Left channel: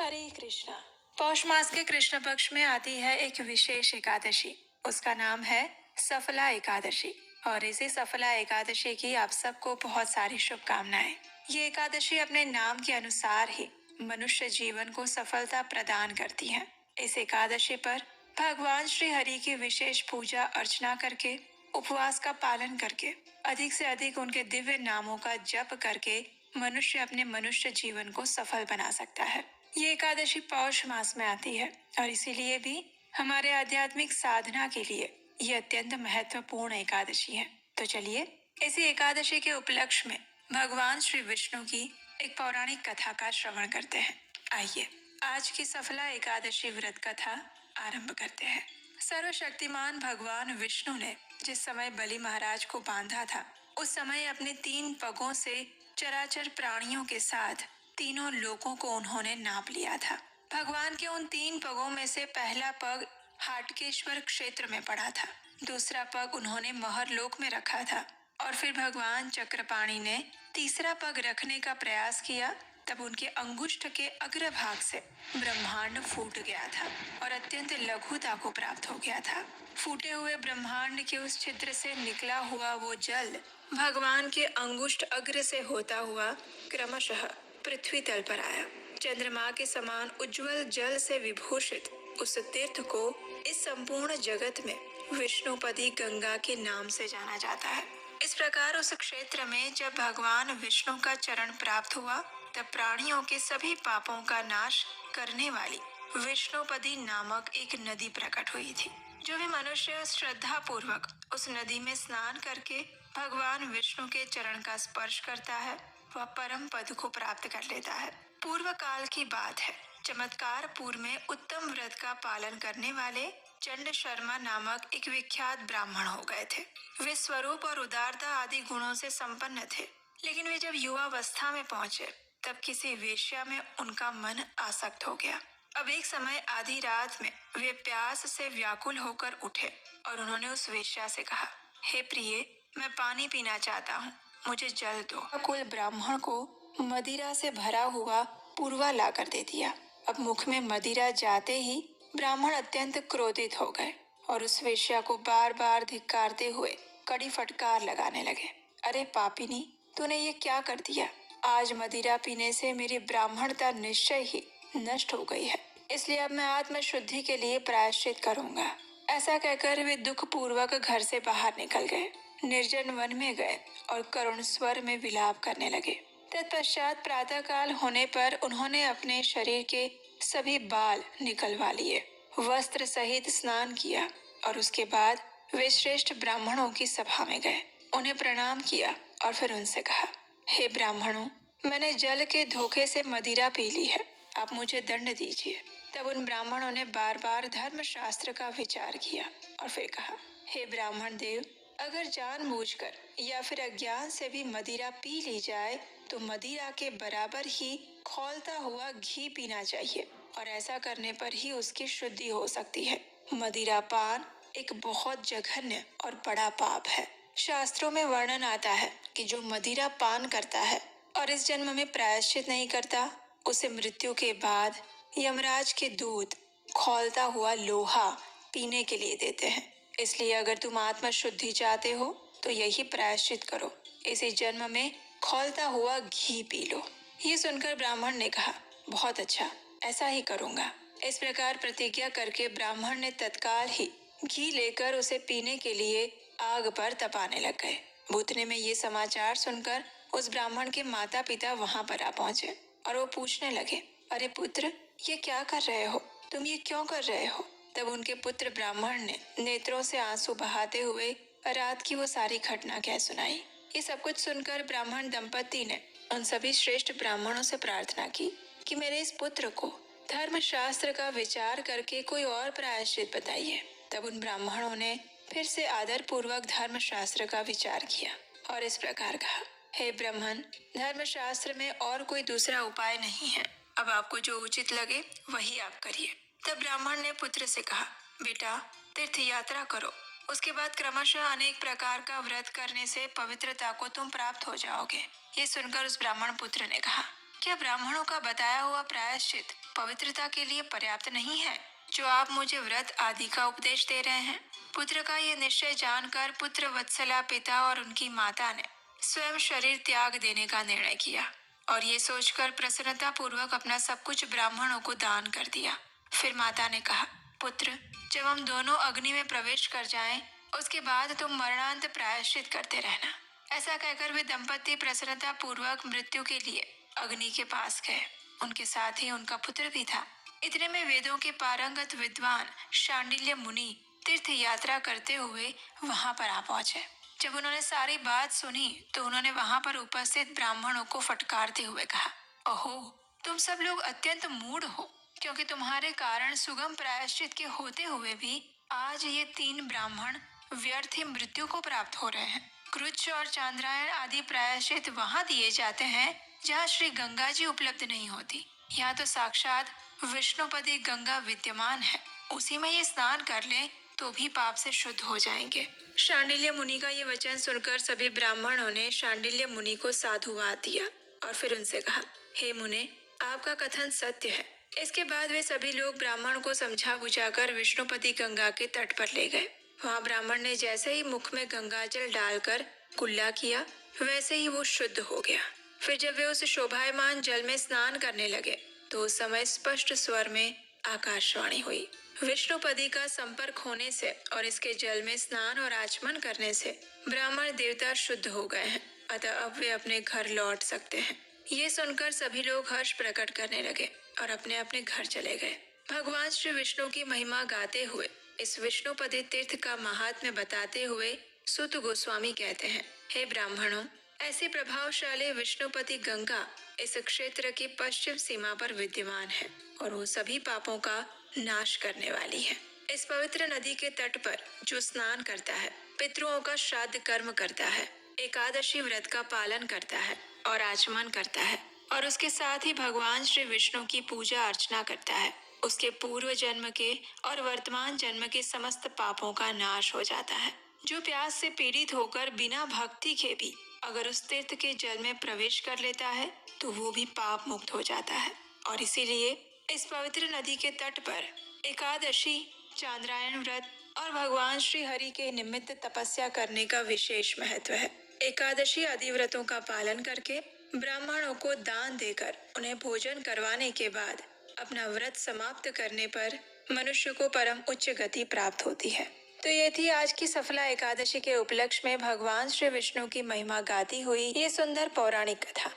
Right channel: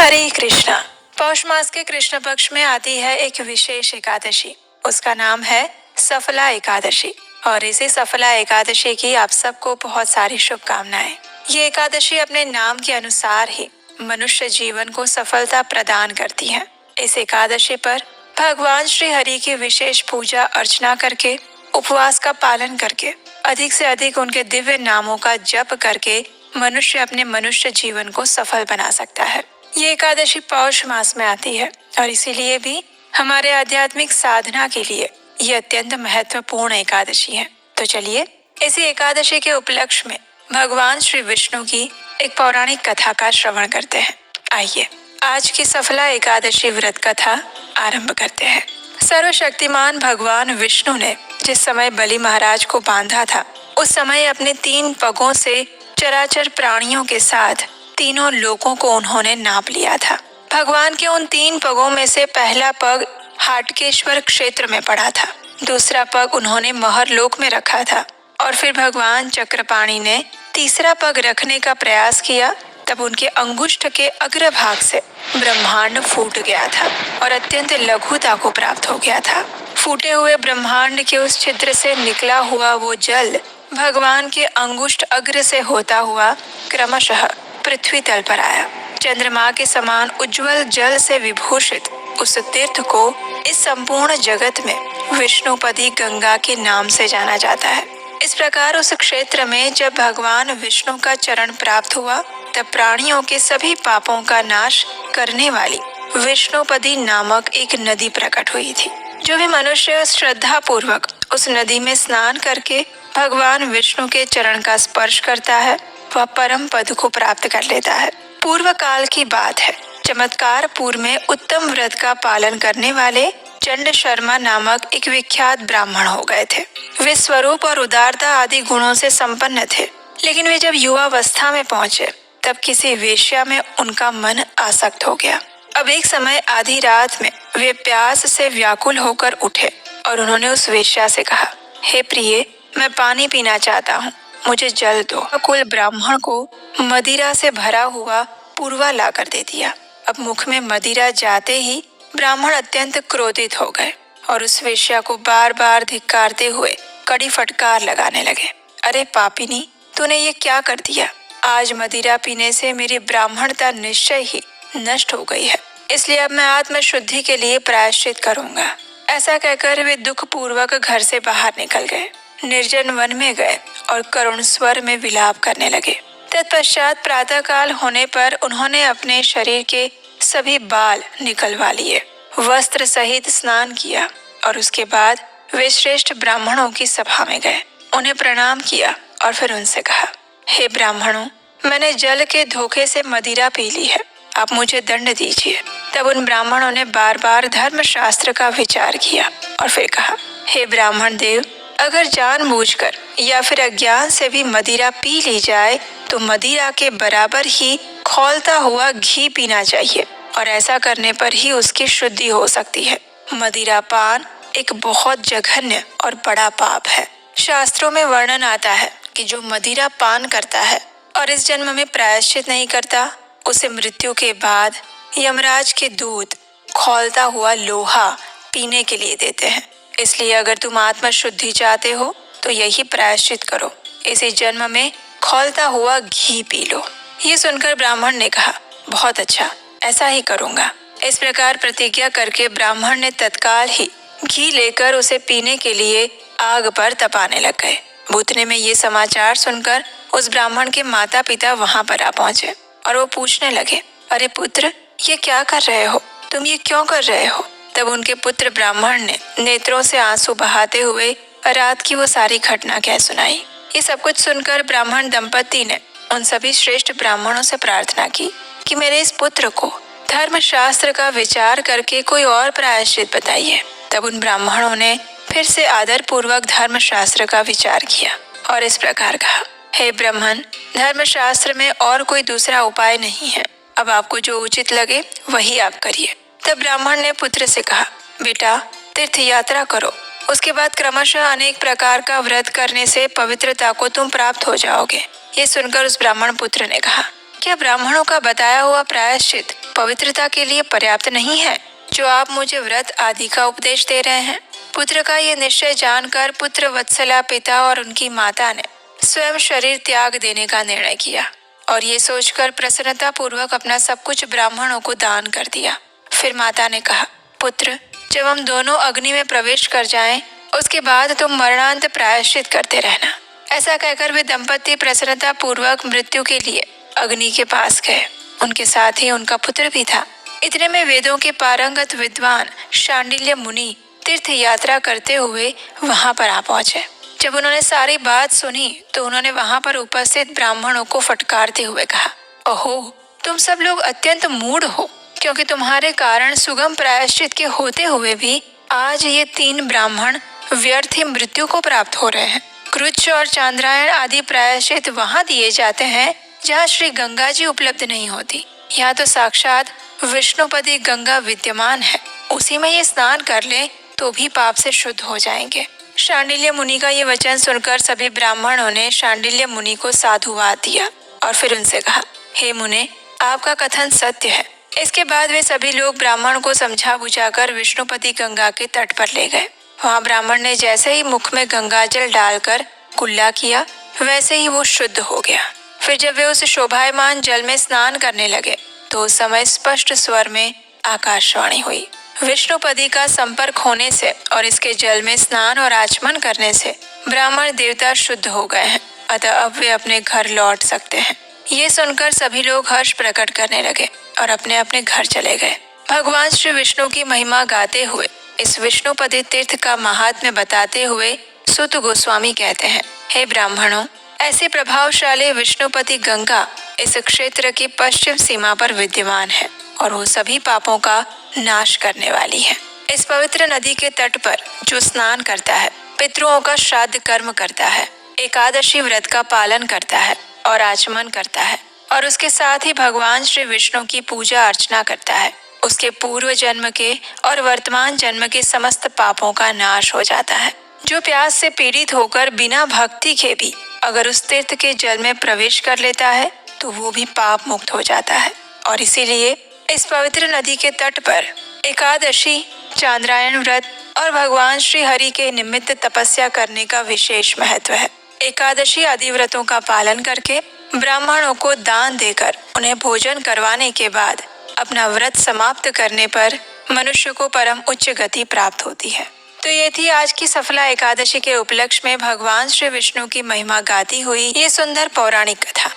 हरे कृष्णा। पौष मास के कृष्ण पक्ष में आती है एक विशेष एकादशी। उसका नाम है सफला एकादशी और इसी सफला एकादशी की आप सबको बहुत सारी शुभकामनाएं। ये एकादशी अपने नाम के अनुसार ही मनुष्य जीवन को सफलता प्रदान करती है। इस एकादशी पर भगवान श्री हरि की विशेष पूजा अर्चना करके, उपवास का पालन करके, अधिक से अधिक उनके दिव्य नामों का जप करके मनुष्य अपने मनुष्य जीवन को सफल बना सकता है। ये एकादशी पौष मास में आती है और इसीलिए भी हमारे आध्यात्मिक साधना के लिए ये अत्यंत महत्वपूर्ण एकादशी है। तो चलिए इसी एकादशी के उपलक्ष्य में भगवान श्री विष्णु की एक पौराणिक कथा का श्रवण करते हैं। आइए आज की सफला एकादशी व्रत कथा आरंभ करते हैं। सर्वशक्तिमान भगवान विष्णु ने जिस समय बलि महाराज को बांधा था, उस समय अपने 3 पगों से चराचर प्राणियों के साथ तीनों लोकों को उन्होंने नाप लिया था। भगवान के उन 3 पगों में से पहला पग हाटकेश्वर क्षेत्र में पड़ा था, दूसरा पग उन्होंने महर लोक में रखा था और फिर भगवान चक्रपाणि ने तीसरा पग रखने का प्रयास किया। तब उनके अंगुष्ठ के अग्रभाग से ब्रह्मांड फूट गया था और अत्यंत लघुता को प्राप्त हो गया था। फूटे हुए ब्रह्मांड के उस छिद्र से निकला हुआ वो जल भगवान के अंगुष्ठ अग्र से होता हुआ क्रमशः पृथ्वी तल पर आया। चंद्रमा के समान उज्जवल जल से विभूषित उस तीर्थ को इस संपूर्ण जगत में विष्णुपदी गंगा के नाम से जाना जाता है। इस प्रकार उस क्षेत्र में जब भगवान विष्णु का चरण प्राप्त हुआ, तब प्राणियों के सभी पापों का नाश करने वाली विष्णुपदी नामक एक नदी प्रकट हुई थी। जो भी मनुष्य श्रद्धा पूर्वक उस नदी में स्नान करके भगवान विष्णु के चरण का स्पर्श करता है, वह परम पद को प्राप्त कर लेता है। पूर्व काल की बात है, चमत्कारपुर में उत्तम व्रत का पालन करने वाले चंड शर्मा नामक एक विख्यात ब्राह्मण हो गए थे। वे स्वरूप और उदारता आदि गुणों से संपन्न थे, लेकिन वे जब युवावस्था में पहुंचे तब किसी वेश्या में उनका मन आसक्त हो गया। अब एक समय आधी रात में वे प्यास से व्याकुल होकर उठे और उन्होंने उस वेश्या से कहा, हे प्रिय, मैं पानी पीना चाहता हूँ, मुझे जल दो। कुल ब्राह्मण को मदिरा से भरा हुआ पूर्वा लाकर दे दिया। अब मुख में मदिरा जाते ही ब्राह्मण अत्यंत क्रोधित हो गए और उस वेश्या को बार बार धिक्कारते हुए कड़ी फटकार लगाने लगे। अरे पापिनी, तूने ये क्या कर दिया? आज मदिरा पीने से मेरी ब्राह्मणता निश्चय ही नष्ट हो गई है, इसलिए अब मैं आत्म शुद्धि के लिए प्रायश्चित करूंगा। ऐसा कहकर वे दुख पूर्वक घर से बाहर निकल गए, निर्जन वन में गए और करुण स्वर में विलाप करने लगे। तत्पश्चात प्रातः काल होने पर उन्होंने अपने शरीर के सभी बाल निकलवा लिए, वस्त्र सहित स्नान किया और उसके बाद वे श्रेष्ठ ब्राह्मणों की सभा में गए, उन्हें प्रणाम किया और फिर उनसे कहा, हे ब्राह्मणों, मैंने जल के धोखे से मदिरा पी ली है, आप मुझे दंड दीजिए। तब उन ब्राह्मणों ने बार बार धर्मशास्त्र का विचार किया और फिर कहा, हे ब्राह्मण देव, अगर जानबूझकर या फिर अज्ञान से भी मदिरा पी ली जाए तो मदिरा के बराबर ही खौलता हुआ घी पीना चाहिए और ऐसा करने पर ही उसकी शुद्धि हो सकती है। मदिरा पान एक बहुत जघन्य और बड़ा पाप है। शास्त्रों में वर्णन आता है कि जो मदिरा पान करता है और इस जन्म में प्रायश्चित नहीं करता, उसे मृत्यु के बाद यमराज के दूत खौलता हुआ लोहा पीने के लिए देते हैं। इसलिए अगर तुम आत्म शुद्धि चाहते हो तो यही प्रायश्चित करो, इसी जन्म में खौलता हुआ घी पी लो। ये सुनकर ब्राह्मण ने कहा, बहुत अच्छा, ऐसा ही करूंगा। इस प्रकार प्रतिज्ञा करके ब्राह्मण ने तत्काल ही घी लेकर उसे पीने के लिए आग पर तपाने लग गए। भूतने में ये समाचार सुनकर उस ब्राह्मण के माता पिता वहां पर आ पहुंचे और वो पूछने लगे, अरे पुत्र, ये क्या कर रहे हो? तुम ये क्यों कर रहे हो? तब उनके पुत्र ब्राह्मण ने नेत्रों से आंसू बहाते हुए रात की वो सारी घटना कह सुनाई। ये सब कुछ सुनकर ब्राह्मण दंपति ने उन सभी श्रेष्ठ ब्राह्मणों से प्रार्थना की कि मेरे इस पुत्र को धर्मशास्त्र का विचार करके कोई और प्रायश्चित बताइए। तब उन ब्राह्मणों ने फिर से आदर पूर्वक धर्मशास्त्र का विचार किया और इस प्रकार कहा, हे ब्राह्मण, धर्मशास्त्र में और कोई दूसरा उपाय नहीं है, अब आपको जो उचित लगे वही आप करिए। तब ब्राह्मण ने पुत्र से कहा, बेटा, तीर्थ यात्रा करो, उसके बाद क्रमशः अनेक प्रकार का व्रत करने से पवित्रता को तुम प्राप्त हो जाओगे। ये सुनकर उस ब्राह्मण पुत्र ने कहा, क्या ब्राह्मणों का बताया हुआ प्रायश्चित पवित्रता के लिए पर्याप्त नहीं है, जो आप मुझे व्रत आदि का उपदेश दे रहे हैं? पुत्र का ये निश्चय जानकर पुत्र वत्सला पिता और उनकी माता ने स्वयं शरीर त्याग देने का निर्णय किया और ये सोचकर प्रसन्नता पूर्वक अपना सब कुछ ब्राह्मणों को दान कर दिया। फिर माता ने कहा, पुत्र, जब हम दोनों अग्नि में प्रवेश कर जाएं, उसके बाद तुम मरणांत प्रायश्चित करते रहना। ऐसा कहकर वे दंपति प्रसन्नता पूर्वक मृत्यु के लिए अग्नि के पास गए। उनके साथ ही उनका पुत्र भी था। इतने में वेदों के पारंगत विद्वान शांडिल्य मुनि तीर्थ यात्रा करते हुए वहां पर आ पहुंचे। जब उन्होंने सारी बात सुनी तो उन्होंने वहां पर उपस्थित ब्राह्मणों को फटकारते हुए कहा, ओहो, तुम सब लोग अत्यंत मूढ़ हो, क्योंकि तुम्हारे कारण सुगम प्रायश्चित के होते हुए भी आज ये 3 ब्राह्मण व्यर्थ ही मृत्यु को प्राप्त हो रहे हैं। कृच्छ और चांद्रायण आदि प्रायश्चित वहां दिए जाते हैं जहाँ श्री गंगा जी उपलब्ध नहीं होती। यहाँ तो साक्षात विष्णुपदी गंगा विद्यमान है, उसी में ये स्नान कर ले तो भी पाप से शुद्ध हो जाएंगे। शांडिल्य मुनि का ये वचन सुनकर सभी ब्राह्मणों ने शांडिल्य मुनि को साधुवाद दिया और फिर उनसे कहा, हे मुने, आपका कथन सत्य है। इसके बाद वे सभी लोग ब्राह्मण को समझा बुझाकर विष्णुपति गंगा के तट पर ले गए। वहाँ ब्राह्मण ने जैसे ही मुख में गंगा जल डालकर कुल्ला किया, वैसे ही वो शुद्ध हो गया। फिर जब वे उस शोभायमान जल में स्नान करने लगे तो उस समय स्पष्ट स्वर में आकाशवाणी हुई, विष्णुपदी का संपर्क होने से और इसके जल में स्नान और आचमन करने से ब्राह्मण देवता शुद्ध हो गए हैं, अतः अब वे अपने घर लौट सकते हैं। ये सुनकर सभी लोग हर्ष प्रकट करने लगे और अपने अपने घर चले गए। भगवान श्री विष्णु की महिमा गाते हुए इस विष्णुपदी तीर्थ का महात्म्य बताते हुए सूत गोस्वामी कहते हैं, हे ब्राह्मणों, ऐसी प्रभावशाली विष्णुपति गंगा इस क्षेत्र की पश्चिम सीमा पर विद्यमान है और वो सभी पापों का नाश करने वाली है। इस पवित्र नदी के तट पर जो स्नान करता है, पितरों का श्राद्ध कर्म करता है, एकादशी व्रत का पालन करता है और आचमन करता है और उसके साथ ही भगवान श्री विष्णु की पूजा अर्चना करता है, उसके पूर्व जन्म के और वर्तमान जन्म के समस्त पापों का नाश हो जाता है। जो प्यास से पीड़ित होकर बिना भक्ति के भी अगर उस तीर्थ के जल में प्रवेश कर लेता है तो वो भी पाप मुक्त हो जाता है। और इसीलिए इस पवित्र नदी के तट पर एकादशी, चांद्रायण व्रत और भगवान श्री हरि के निमित्त तपस्या करने का विशेष महत्व है। एकादशी आदि व्रतों का पालन करके ब्राह्मणों को दान देकर उन्हें भोजन करवाने के बाद अपना व्रत समाप्त करने पर मनुष्य को परम उच्च गति प्राप्त होती है। तो ये थी आज की सफला एकादशी के उपलक्ष्य में भगवान श्री विष्णु की महिमा गाती हुई ये सुंदर पौराणिक कथा।